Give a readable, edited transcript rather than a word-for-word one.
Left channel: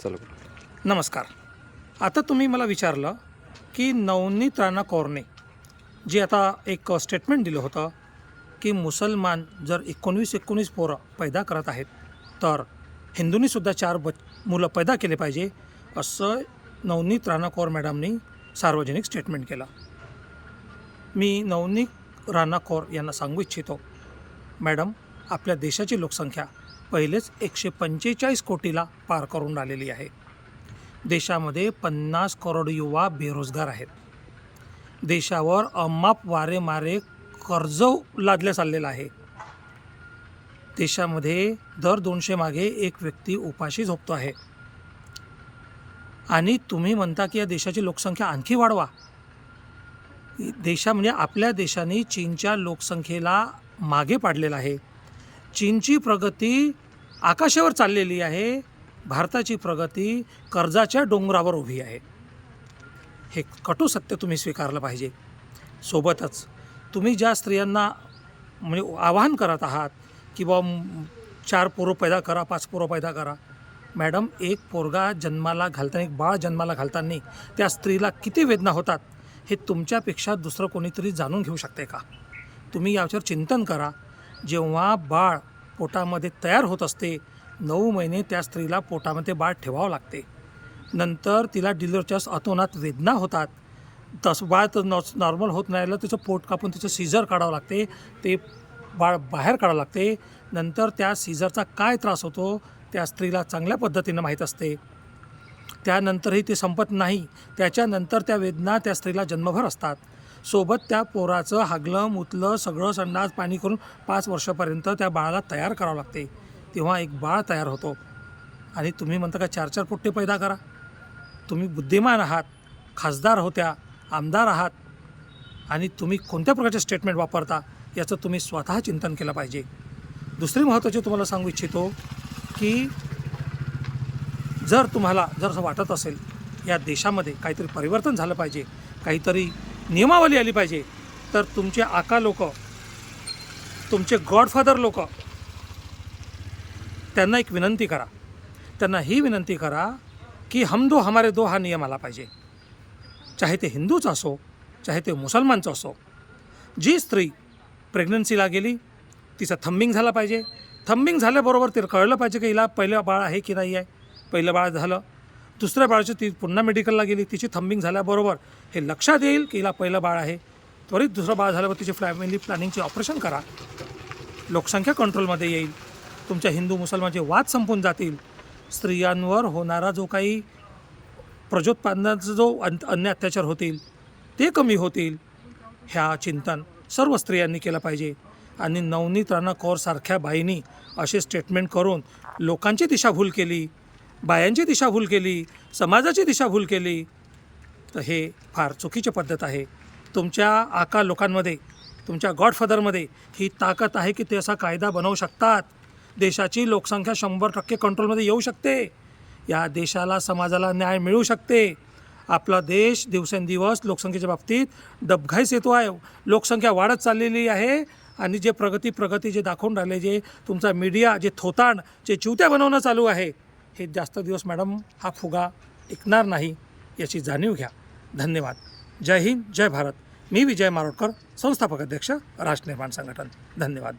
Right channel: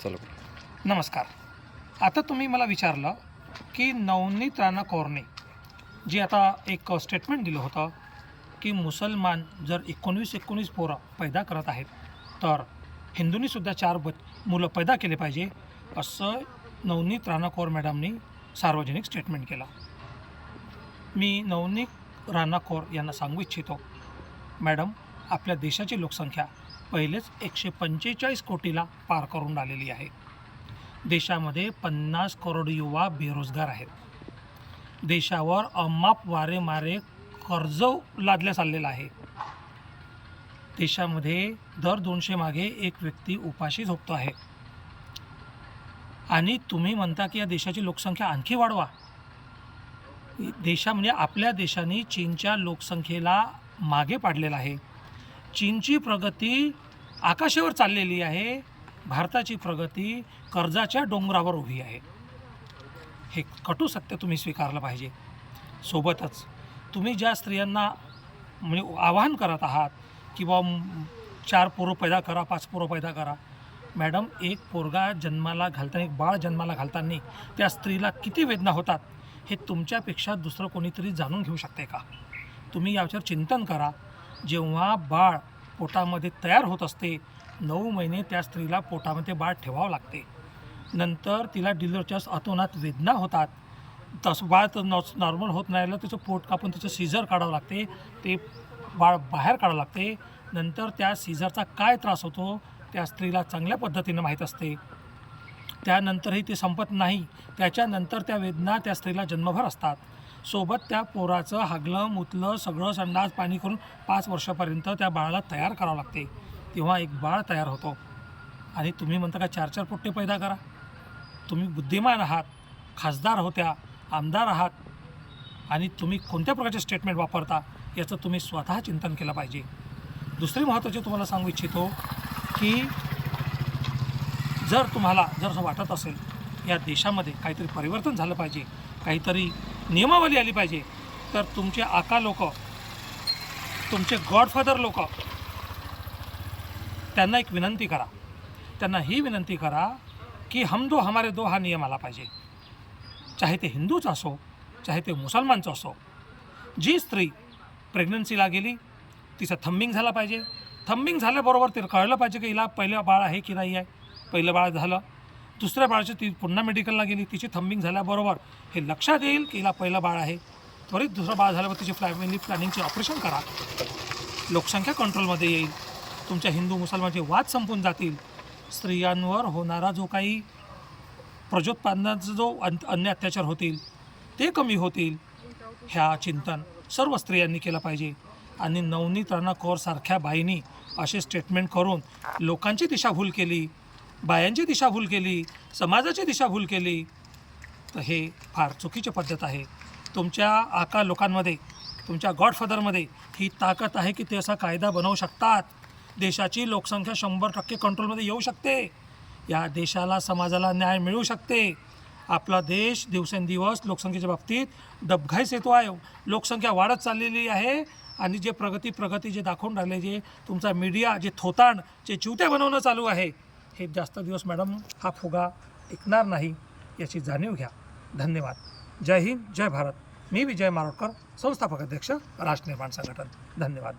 चला. नमस्कार. आता तुम्ही मला विचारलं की नवनीत राणा कौरने जे आता एक स्टेटमेंट दिलं होतं की मुसलमान जर 19 पोरं पैदा करत आहेत तर हिंदूंनीसुद्धा 4 मुलं पैदा केले पाहिजे, असं नवनीत राणा कौर मॅडमनी सार्वजनिक स्टेटमेंट केलं. मी नवनीत राणा कौर यांना सांगू इच्छितो, मॅडम, आपल्या देशाची लोकसंख्या पहिलेच 145 कोटीला पार करून आलेली आहे. देशामध्ये 50 करोड युवा बेरोजगार आहेत. देशावर अमाप वारेमारे कर्ज लादले चाललेलं आहे. देशामध्ये दर 200 मागे एक व्यक्ती उपाशी झोपतो आहे. आणि तुम्ही म्हणता की या देशाची लोकसंख्या आणखी वाढवा. म्हणजे आपल्या देशाने चीनच्या लोकसंख्येला मागे पाडलेलं आहे. चीनची प्रगती आकाशावर चाललेली आहे, भारताची प्रगती कर्जाच्या डोंगरावर उभी आहे. हे कटू सत्य तुम्ही स्वीकारलं पाहिजे. सोबतच तुम्ही ज्या स्त्रियांना म्हणजे आवाहन करत आहात की बा 4 पोरं पैदा करा, 5 पोरं पैदा करा, मॅडम, एक पोरगा जन्माला घालताना, एक बाळ जन्माला घालताना त्या स्त्रीला किती वेदना होतात हे तुमच्यापेक्षा दुसरं कोणीतरी जाणून घेऊ शकते का? तुम्ही याच्यावर चिंतन करा. जेव्हा बाळ पोटामध्ये तयार होत असते, 9 महिने त्या स्त्रीला पोटामध्ये बाळ ठेवावं लागते. नंतर तिला डिलिव्हरीच्या अतोनात वेदना होतात. तसं बाळ तर नॉर्मल होत नाही, त्याचं पोट कापून तिचं सीझर काढावं लागते, ते बाळ बाहेर काढावं लागते. नंतर त्या सीझरचा काय त्रास होतो त्या स्त्रीला चांगल्या पद्धतीनं माहीत असते. त्यानंतरही ते संपत नाही. त्याच्यानंतर त्या वेदना त्या स्त्रीला जन्मभर असतात. सोबत त्या पोराचं हागलं मुतलं सगळं संडास पाणी करून 5 वर्षापर्यंत त्या बाळाला तयार करावं लागते. तेव्हा एक बाळ तयार होतो. आणि तुम्ही म्हणता का 4-4 पोट्टे पैदा करा? तुम्ही बुद्धिमान आहात, खासदार होत्या, आमदार आहात, आणि तुम्ही कोणत्या प्रकारचे स्टेटमेंट वापरता याचं तुम्ही स्वतः चिंतन केलं पाहिजे. दुसरी महत्त्वाची तुम्हाला सांगू इच्छितो की जर असं वाटत असेल या देशामध्ये काहीतरी परिवर्तन झालं पाहिजे, काहीतरी नियमावली आली पाहिजे, तर तुमचे आका लोक, तुमचे गॉडफादर लोक, त्यांना एक विनंती करा. त्यांना ही विनंती करा की हम दो हमारे दो हा नियम आला पाहिजे. चाहे ते हिंदूचं असो, चाहे ते मुसलमानचं असो. जी स्त्री प्रेग्नन्सीला गेली तिचं थंबिंग झालं पाहिजे. थंबिंग झाल्याबरोबर तिला कळलं पाहिजे की हिला पहिलं बाळ आहे की नाही आहे. पहिलं बाळ झालं, दुसऱ्या बाळाची ती पुन्हा मेडिकलला गेली, तिची थंबिंग झाल्याबरोबर हे लक्षात येईल की हिला पहिलं बाळ आहे. त्वरित दुसरं बाळ झाल्यावर तिची फॅमिली प्लॅनिंगचे ऑपरेशन करा. लोकसंख्या कंट्रोलमध्ये येईल. तुमच्या हिंदू मुसलमानचे वाद संपून जातील. स्त्रियांवर होणारा जो काही प्रजोत्पादनाचा जो अन्य अत्याचार होतील ते कमी होतील. ह्या चिंतन सर्व स्त्रियांनी केलं पाहिजे. आणि नवनीत राणा कौरसारख्या बाईंनी असे स्टेटमेंट करून लोकांची दिशाभूल केली, बायांची दिशाभूल केली, समाजाची दिशाभूल केली, तर हे फार चुकीची पद्धत आहे. तुमच्या आका लोकांमध्ये, तुमच्या गॉडफादरमध्ये ही ताकद आहे की ते असा कायदा बनवू शकतात. देशाची लोकसंख्या 100% कंट्रोलमध्ये येऊ शकते. या देशाला, समाजाला न्याय मिळू शकते. आपला देश दिवसेंदिवस लोकसंख्येच्या बाबतीत डबघाईस येतो आहे. लोकसंख्या वाढत चाललेली आहे. आणि जे प्रगती जे दाखवून राहिले, जे तुमचा मीडिया जे थोतांड, जे चिवत्या बनवणं चालू आहे, हे जास्त दिवस मॅडम हा फुगा टिकणार नाही, याची जाणीव घ्या. धन्यवाद. जय हिंद, जय भारत. मी विजय मारोटकर, संस्थापक अध्यक्ष राष्ट्र निर्माण संघटन. धन्यवाद.